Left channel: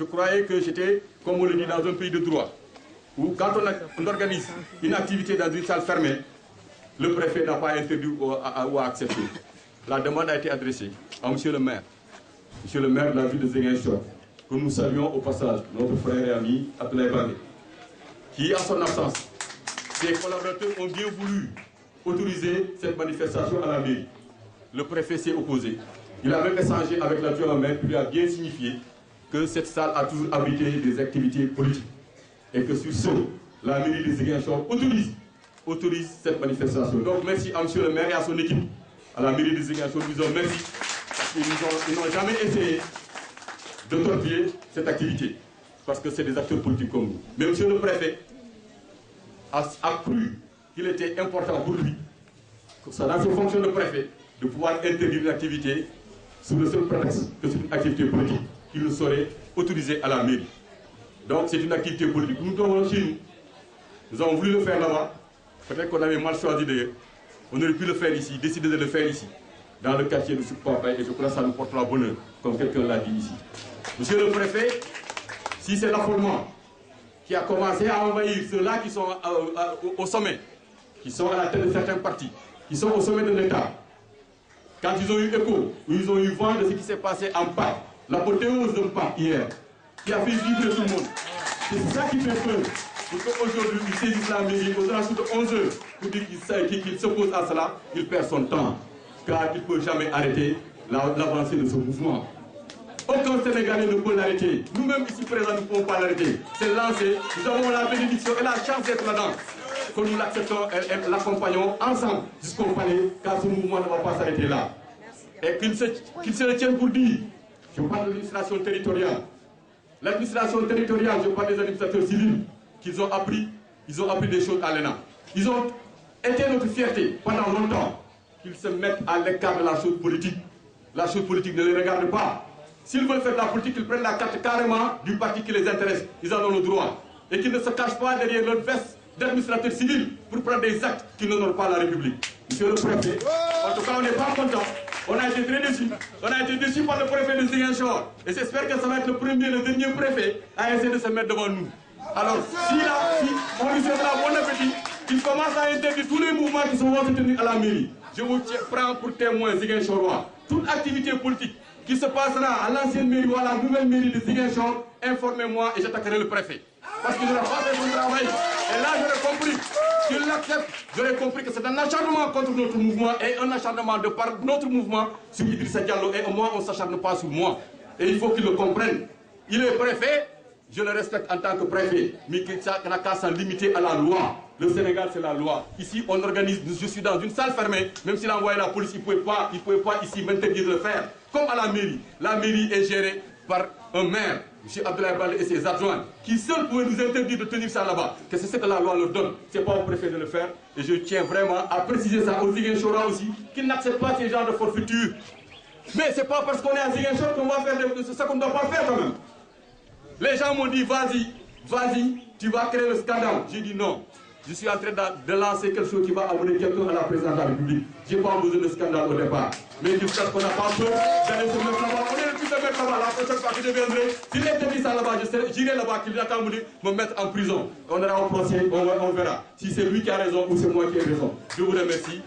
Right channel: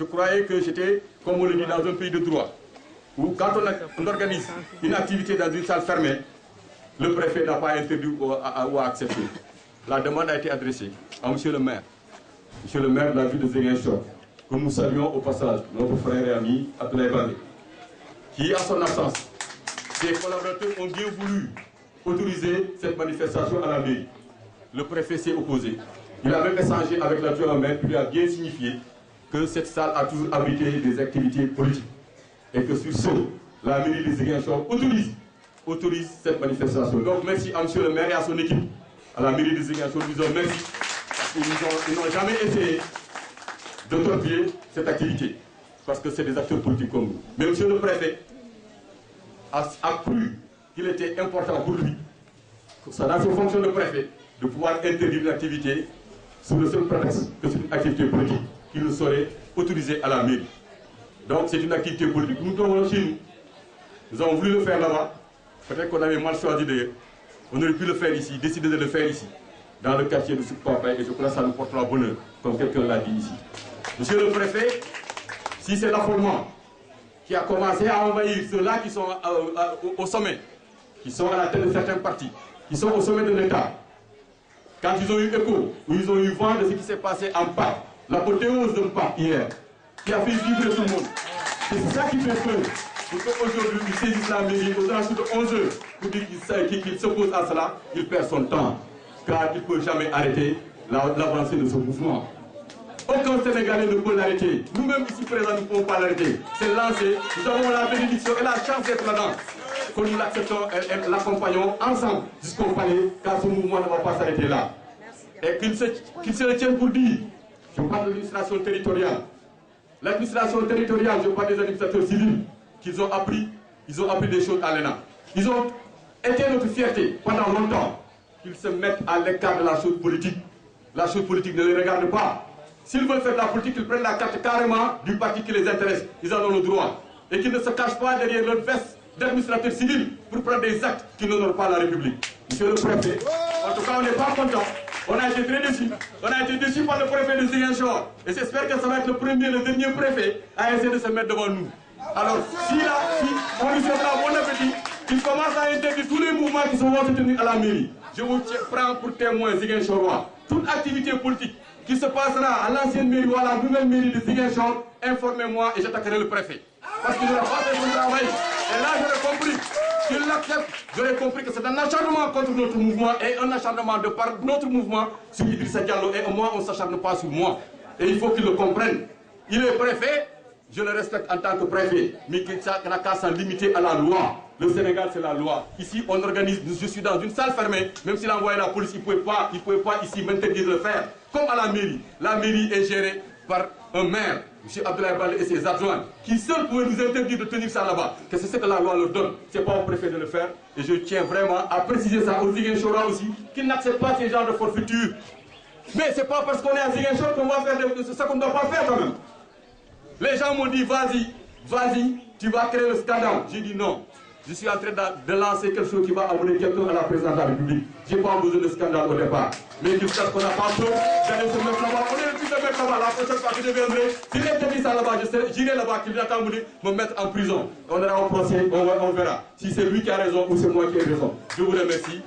je croyais que j'étais, comme on le dit, dans un pays de droit, où quand on organise une activité dans une salle fermée, le préfet n'a pas interdit ou a accepté. La demande a été adressée à monsieur le maire de la ville de Ziguinchor, que nous saluons au passage, notre frère et ami Abdoulaye Baldé, qui, en son absence, ses collaborateurs ont bien voulu autoriser cette manifestation à la mairie. Le préfet s'est opposé. Il a même échangé avec l'adjoint au maire qui lui a bien signifié que cette salle a toujours abrité des activités politiques. Et que sur ce, la mairie de Ziguinchor autorise cette manifestation. Donc merci à monsieur le maire et à son équipe, à la mairie de Ziguinchor, nous disons merci. Ils n'ont jamais essayé de torpiller cette activité, parce que c'est des acteurs politiques comme nous. Mais monsieur le préfet a cru qu'il était important pour lui, dans ses fonctions de préfet, de pouvoir interdire une activité sous le seul prétexte que c'est une activité politique qu'il ne saurait autoriser à la mairie. Donc c'est une activité politique. Nous devons chez nous. Nous avons voulu le faire là-bas. Peut-être qu'on avait mal choisi d'ailleurs. On aurait pu le faire ici, décider de le faire ici, dans le quartier de Soukpapa, et je crois que ça nous portera bonheur, comme quelqu'un l'a dit ici. Monsieur le préfet, si c'est l'affolement qui a commencé à envahir ceux-là qui sont au sommet, qui sont à la tête de certains partis, qui sont au sommet de l'État, quand ils ont eu écho, ou ils ont eu vent de ce qui s'est passé en Pâques, l'apothéose de Pâques hier, qui a fait vibrer tout le monde. C'est ça qui fait peur. Pour qu'aujourd'hui, il saisisse la mairie aux alentours de 11 heures pour dire qu'il s'oppose à cela, il perd son temps. Car il ne peut jamais arrêter l'avancée de ce mouvement. Aucun Sénégalais ne peut l'arrêter. Nous-mêmes ici présents, nous ne pouvons pas l'arrêter. C'est lancé. Nous avons la bénédiction et la chance d'être là-dedans. Que nous l'acceptons et l'accompagnons ensemble jusqu'au palais, car ce mouvement ne va pas s'arrêter là. Et qu'il se retienne pour dire, je parle de l'administration territoriale. L'administration territoriale, je parle des administrateurs civils, qu'ils ont appris des choses à l'ENA. Ils ont été notre fierté pendant longtemps, qu'ils se mettent à l'écart de la chose politique. La chose politique ne les regarde pas. S'ils veulent faire de la politique, ils prennent la carte carrément du parti qui les intéresse. Ils en ont le droit. Et qu'ils ne se cachent pas derrière leur veste d'administrateurs civils pour prendre des actes qui n'honorent pas la République. Monsieur le préfet, en tout cas, on n'est pas content. On a été très déçus. On a été déçus par le préfet de Ziguinchor. Et j'espère que ça va être le premier, le dernier préfet à essayer de se mettre devant nous. Alors, si on lui souhaite la bonne appétit, il commence à interdire tous les mouvements qui sont tenus à la mairie. Je vous prends pour témoin Ziguinchorois. Toute activité politique qui se passera à l'ancienne mairie ou à la nouvelle mairie de Ziguinchor, informez-moi et j'attaquerai le préfet. Parce qu'il n'aura pas fait son travail. Et là, j'aurais compris qu'il l'accepte. J'aurais compris que c'est un acharnement contre notre mouvement et un acharnement de par notre mouvement sur Idrissa Diallo. Et moi, on ne s'acharne pas sur moi. Et il faut qu'il le comprenne. Il est préfet, je le respecte en tant que préfet, mais qu'il n'a qu'à s'en limiter à la loi. Le Sénégal, c'est la loi. Ici, on organise, je suis dans une salle fermée, même s'il a envoyé la police, il ne pouvait pas ici m'interdire de le faire. Comme à la mairie. La mairie est gérée par un maire, M. Abdoulaye Baldé et ses adjoints, qui seuls pouvaient nous interdire de tenir ça là-bas. Que c'est ce que la loi leur donne. Ce n'est pas au préfet de le faire. Et je tiens vraiment à préciser ça aux Ziguinchorois aussi, qu'ils n'acceptent pas ces genres de forfaiture. Mais ce n'est pas parce qu'on est à Ziguinchor qu'on va faire ce qu'on ne doit pas faire quand même. Les gens m'ont dit, vas-y, tu vas créer le scandale. J'ai dit non. Je suis en train de lancer quelque chose qui va amener quelqu'un à la présidence de la République. Je n'ai pas besoin de scandale au départ. Mais qu'il sache qu'on n'a pas peur d'aller se mettre là-bas. On est le plus de mettre là-bas. La prochaine fois que je viendrai, s'il interdit ça là-bas, j'irai là-bas, qu'il attend me mettre en prison. On ira au procès, on verra. Si c'est lui qui a raison ou c'est moi qui ai raison. Je vous remercie.